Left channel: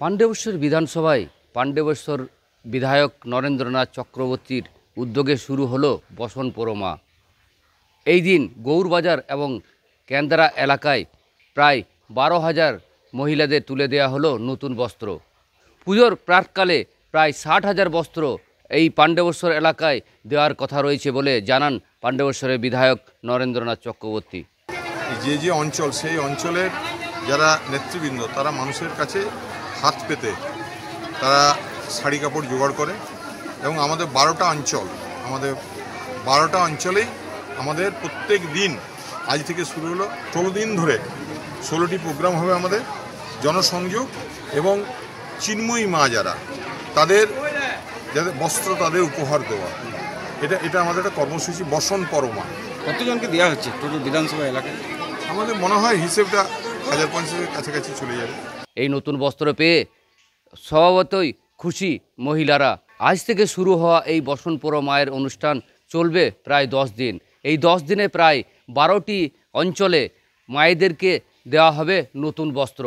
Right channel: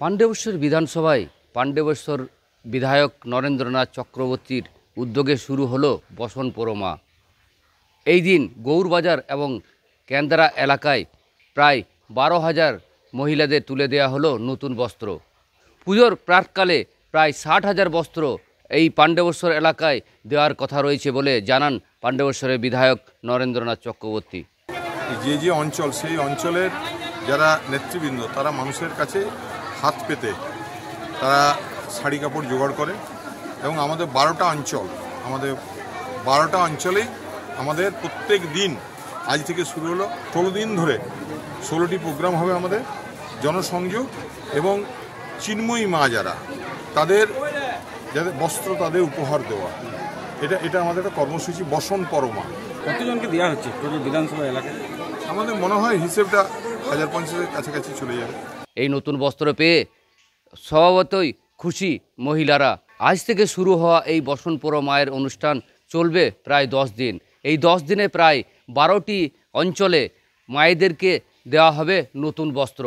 পাণ্ডবেশ্বর বিধানসভায় পাণ্ডবেশ্বর বিধায়ক নরেন্দ্রনাথ চক্রবর্তীর উদ্যোগে শুরু হলো বসন পরমা। এই দিন গৌরবাজার এবং কেন্দ্রা এলাকায় প্রায় 12,000 মহিলাদের তুলে দেওয়া হলো নতুন বস্ত্র। পুজোর প্রাককালে প্রায় 60,000 বস্ত্র এই পাণ্ডবেশ্বর এলাকায় দেওয়ার কথা রয়েছে বলে জানান পাণ্ডবেশ্বরের বিধায়ক নরেন্দ্রনাথ চক্রবর্তী। যে অঞ্চল, সেই অঞ্চলের যারা নেতৃবৃন্দ তারা মানুষের কাছে হাত পেতে তারা শাড়ি কাপড় জোগাড় করে এবং আমাদের 12টা অঞ্চলেই আমাদের প্রত্যেক দিন আজ থেকে শুরু হলো 16 দিন ধরে 16টি প্রোগ্রাম হবে আমাদের জনসংযোগ এবং চিন্ময়ী মা যারা তাদের বস্ত্র তাদের উপহার দেওয়া, এটা আমাদের একটা কর্মসূচি বসন পরমা। কতজনকে দেওয়া হচ্ছে টোটাল বিধানসভা এলাকায়? আমাদের মনে হয় হিসেবটা 1050-এর কাছাকাছি চলে যাবে। এই নতুন বস্ত্র পেয়ে স্বভাবতই খুশি মহিলারা। আজ থেকে শুরু হওয়া এই বসন পরমায়ের অনুষ্ঠান চলবে প্রায় 10 দিন। এই 10 দিনে প্রায় 12টি অঞ্চলে মায়েদেরকে দেওয়া হবে নতুন বস্ত্র।